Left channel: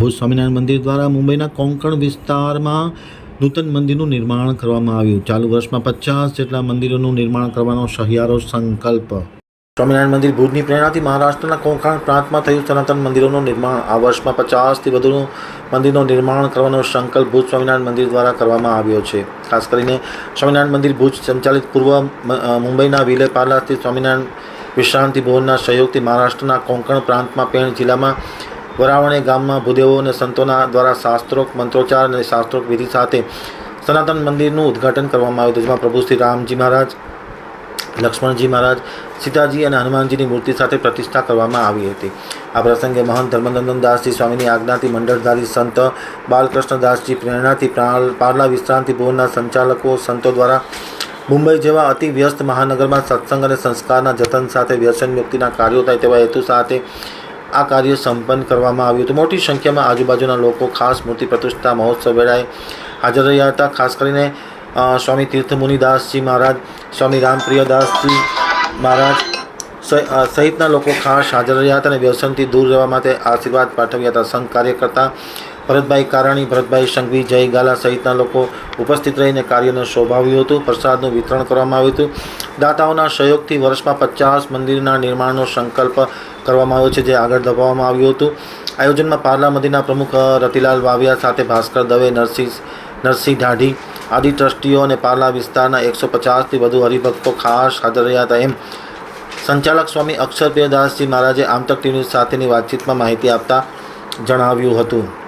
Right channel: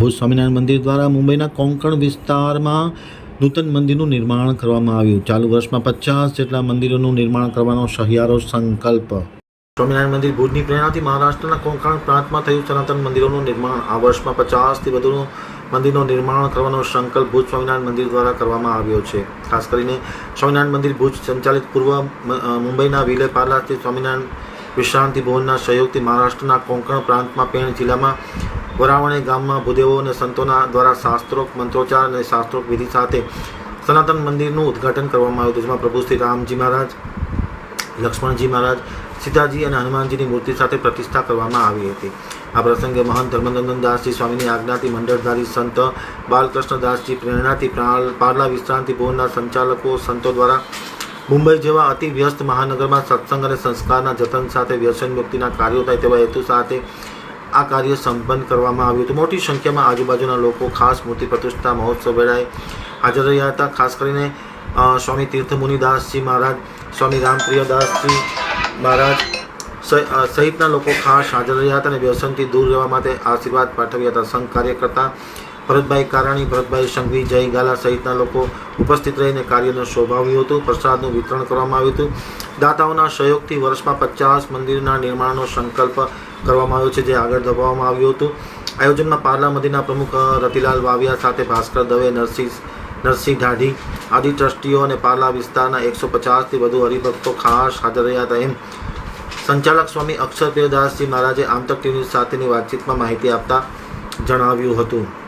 ભુજ સ્વામિનારાયણ મંદિર દ્વારા મુંબઈના કોંકણ વિસ્તારમાં નૂતન મંદિરનું નિર્માણ કરવામાં આવ્યું. ચાલુ વર્ષમાં પચાસ જેટલા મંદિરોનું નિર્માણ કરવાનો સહિયારો સંકલ્પ. સ્વામિનારાયણ મંદિર ભુજની પ્રેરણાથી મહારાષ્ટ્રના કોંકણ પ્રાંતમાં થયું સનાતન મંદિરોનું નિર્માણ. આ વર્ષમાં પચાસથી વધુ મંદિરનું નિર્માણ કરવાનો સંકલ્પ ભુજ સ્વામિનારાયણ મંદિર દ્વારા કરવામાં આવ્યો છે. ખાસ કરીને સ્વામિનારાયણ મંદિર ભુજ સંચાલિત પૂર્વ મુંબઈના વિલે પાર્લા સ્વામિનારાયણ વિશ્રાંતિ ભવનના સહયોગથી મહારાષ્ટ્રના કોંકણ પ્રાંતમાં પેણ જિલ્લામાં વરાવણે ગામમાં ભૂદેવો અને સંતોના દ્વારા શાસ્ત્રોક મંત્રોચ્ચાર અને શાસ્ત્રોક વિધિ સાથે સનાતન મંદિરનું ઉદ્ઘાટન કરવામાં આવ્યું હતું, જેમાં પ્રભુ શ્રી રામજી મહારાજ, લક્ષ્મણજી મહારાજ, સીતાજી અને હનુમાનજીની મૂર્તિ સાથે પ્રતિષ્ઠા કરવામાં આવી હતી. આ પ્રસંગે મહંત ધર્મનંદન દાસજી સ્વામીની આજ્ઞાથી મંડળધારી સંત બાલકૃષ્ણદાસજી પ્રેરણાથી પ્રા- પાર્લા વિશ્રાંતિ ભુવનના સંચાલકો સંતો દ્વારા મુંબઈ જેવા અતિ વ્યસ્ત મહાનગરમાં સત્સંગ અને સંસ્કારના જતન સાથે વ્યસન મુક્તિના કાર્યો થાય તેવા હેતુ સાથે આ કાર્ય સંપન્ન કરવામાં આવ્યું હતું. મોટી સંખ્યામાં આજુબાજુના લોકો, ખાસ મૂર્તિ પ્રતિષ્ઠા મહોત્સવ વેળાએ હાજર રહ્યા હતા. ખાસ કરીને સ્વામી તીર્થમુનિદાસજી મહારાજ, સ્વામી રામપ્રિયદાસજી મહારાજ સહિ- સહિતના લોકો ખાસ હાજર રહ્યા હતા અને વ્યસનથી દૂર રહેવા માટે આશીર્વાદ પાઠવ્યા હતા. સંઘ કાર્યકર્તા ભરતભાઈ કારાણી, ભરતભાઈ સંઘવી, જય ગાલા સહિતના લોકો ઉપસ્થિત રહીને કાર્યને શોભાવ્યું હતું. પ્રસાદનું વિતરણ કરવામાં આવ્યું હતું. દાતાઓના સહયોગથી વર્ષમાં પચાસ મંદિરના નિર્માણનો સંકલ્પ કરવામાં આવ્યો છે, જે આગળ દબાવવામાં આવ્યું હતું. આયોજનમાં પાર્લા મંદિરના પ્રમુખ રતિલાલ વાવિયા સાથે ભાસ્કર દવે, નરસિંહ નરસિંહ ઢાઢી, આદિ ટ્રસ્ટીઓ અને પાર્લા વિસ્તારના એકસો પચાસથી વધુ હરિભક્તો ખાસ હાજર રહ્યા હતા. એમ સંચાલક સ્વામી અક્ષરપ્રિયદાસજી મહારાજે આમતક ટીવી સાથેની વાતચીતમાં માહિતી આપતા જણાવ્યું હતું.